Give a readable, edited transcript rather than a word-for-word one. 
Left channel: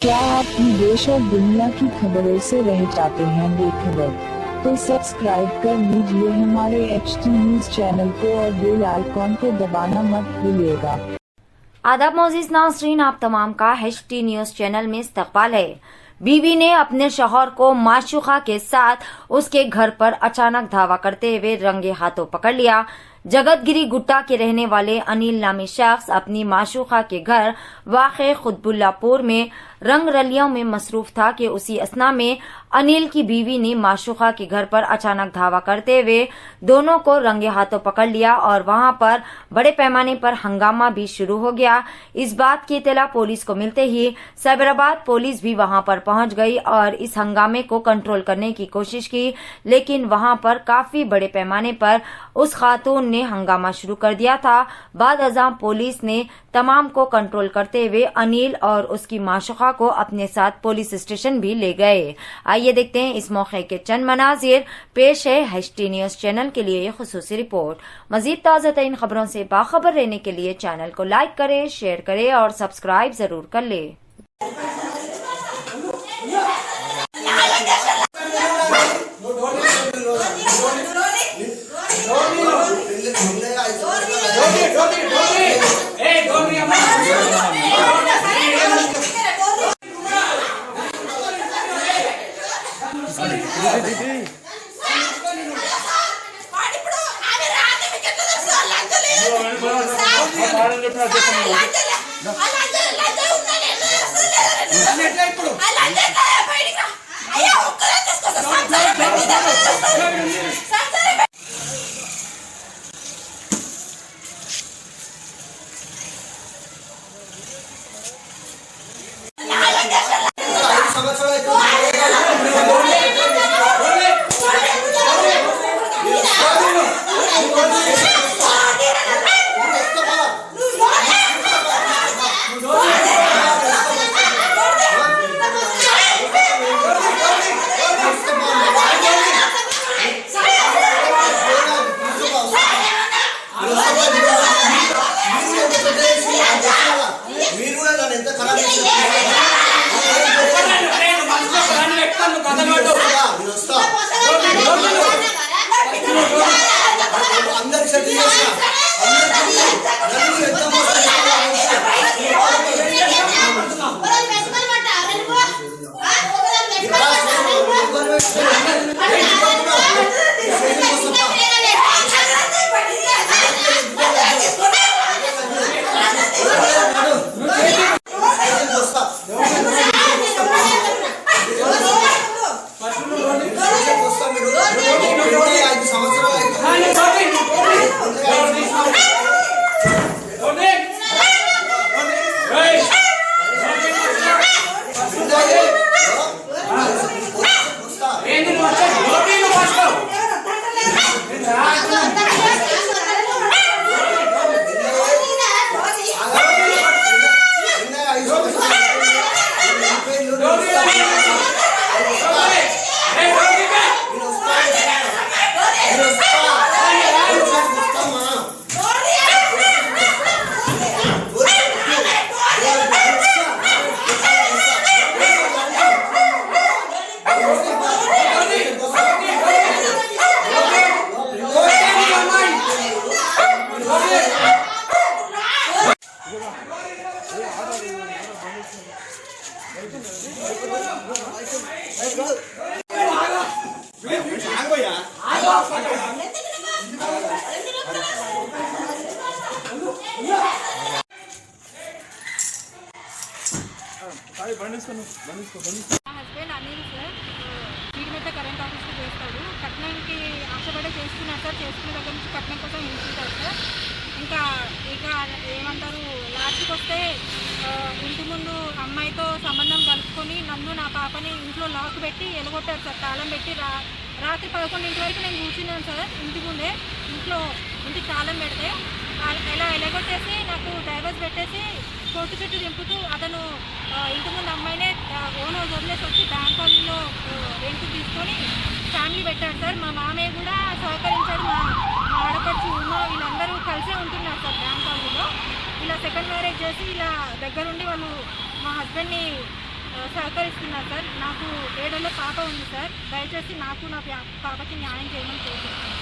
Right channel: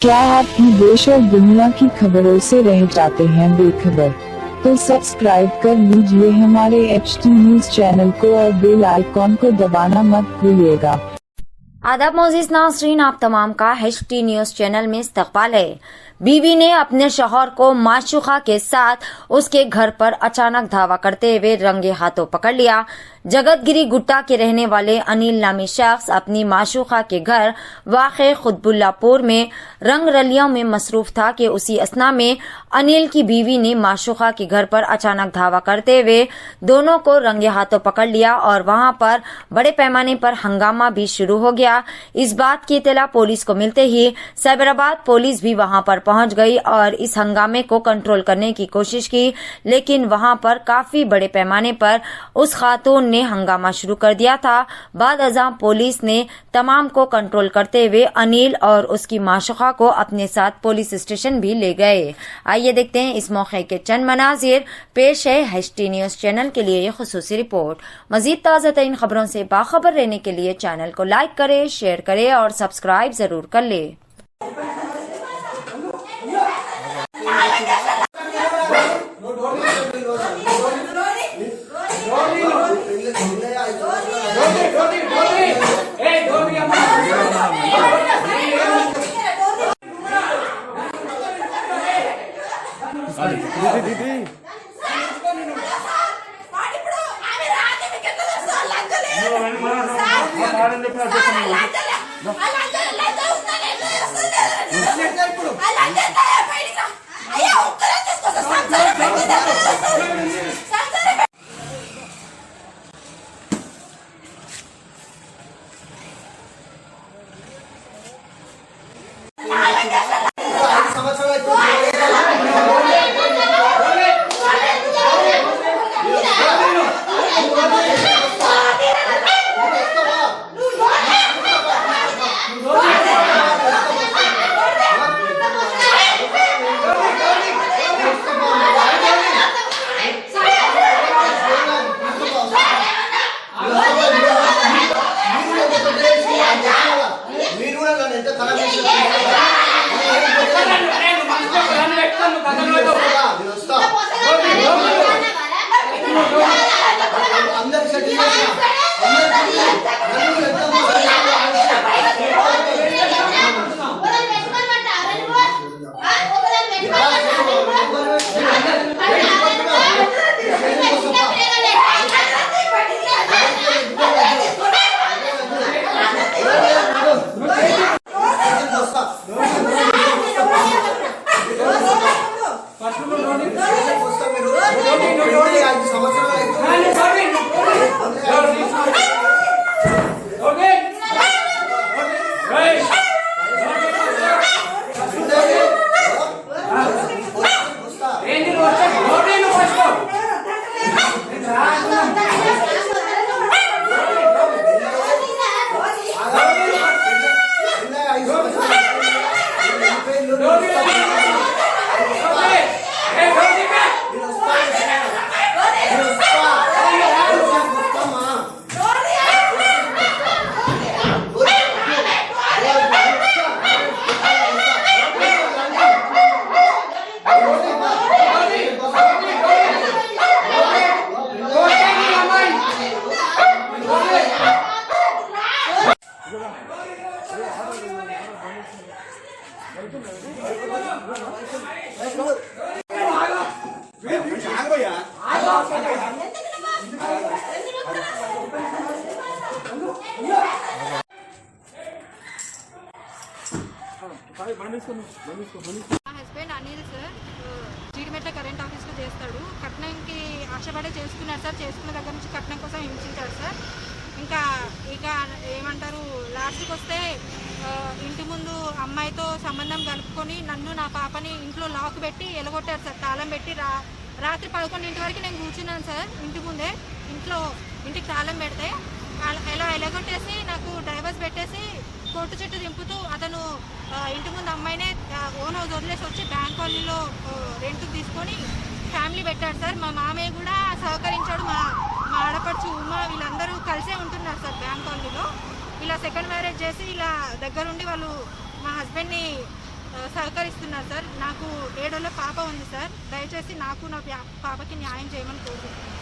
क्या आप देश और दुनिया की खबरों से रह जाते हैं बेखबर? तो सब्सक्राइब कर लीजिए हमारे HT न्यूज चैनल को और बेल आइकॉन को दबाना मत भूलिएगा। आदाब मोअज़्ज़िज़ नाज़रीन, आप तमाम का HT न्यूज चैनल में इस्तकबाल है। बीवी ने अपने शौहर को माशूका के साथ उसके घर पर अचानक धावा करते हुए रंगे हाथों पकड़ लिया। जगतगिरी गुट्टा के रहने वाले अनिल नामी शख्स अपनी माशूका के घर वाक़े खुतबुल्लापुर में रंग रलियों में मसरूफ था कि उसी असना में अनिल की बीवी ने माशूका के घर पर अचानक धावा करते हुए दोनों को रंगे हाथों पकड़ लिया और वहां पर बड़े पैमाने पर हंगामा भी शुरू हो गया। इस बात की इत्तला पुलिस को मिलते ही साइबराबाद पुलिस भी वहां पर पहुंच गई और इस हंगामे को कंट्रोल करने की कोशिश की, लेकिन वहां पर काफी बड़े पैमाने पर उस खातून ने हंगामा शुरू कर दिया था। बाद अज़ां पुलिस ने तमाम को कंट्रोल करते हुए अनिल और उसकी माशूका को अपने साथ पुलिस स्टेशन भी ले गए। आइए देखते हैं इस मौके के चंद मनाजिर। पेश है HT न्यूज चैनल के लिए ये खुसूसी रिपोर्ट। मजीद ताज़ा तरीन खबरों से बाखबर रहने के लिए चैनल को लाइक करें, शेयर करें और सब्सक्राइब जरूर कर ले। మా husband Anil sir Jeedimetla current ఆఫీస్లో చేస్తాడు. కట్నంకి ఆశపడే చేసుకున్నాడు సార్. చేసుకున్న దగ్గర నుంచి కట్నం కోసం ఇంటుంటాడు సార్. ఇక ఏమంటారు, లాస్ట్కి వస్తే ఇంటి ముందు అమ్మాయితో సంబంధం కలుపుకొని నన్ను నా పాపని ఇంట్లో లాక్ పెట్టి ఎలగొట్టాడు సార్. తాళం పెట్టి రాత్రి 11 వరకు నేను కూర్చున్నాను సార్ ఇంటి ముందే. ఇంటికి తాళం పెడితే ఇలా ఎలగొట్టేసి నాకు డ్రైవర్స్ పెట్టేసి కొట్టు చుట్టూ దింపుతూ అతను ఇంటి ముందు అమ్మాయినే ఓన్ హౌస్ వదిలేసి వచ్చి బ్యాంక్ కాలనీలో రెంట్ తీసుకొని ఫ్యామిలీ పెట్టాడు సార్. మా మామయ్య కూడా సహకరించాడు. మా ఆడపడుచు ఉమా వీళ్ళందరూ కలిసే ఉంటున్నారు సార్ బ్యాంక్ కాలనీలో. ఇలా సెకండ్ మ్యారేజ్ చేసి ఇలా దగ్గరుండి వాళ్ళు మా హస్బెండ్ని సహకరిస్తున్నారు సార్. నాకు 7 ఏళ్ల పాప ఉంది సార్. దయచేసి నాకు నా పాపకి న్యాయం చేయమని కోరుకుంటున్నాను.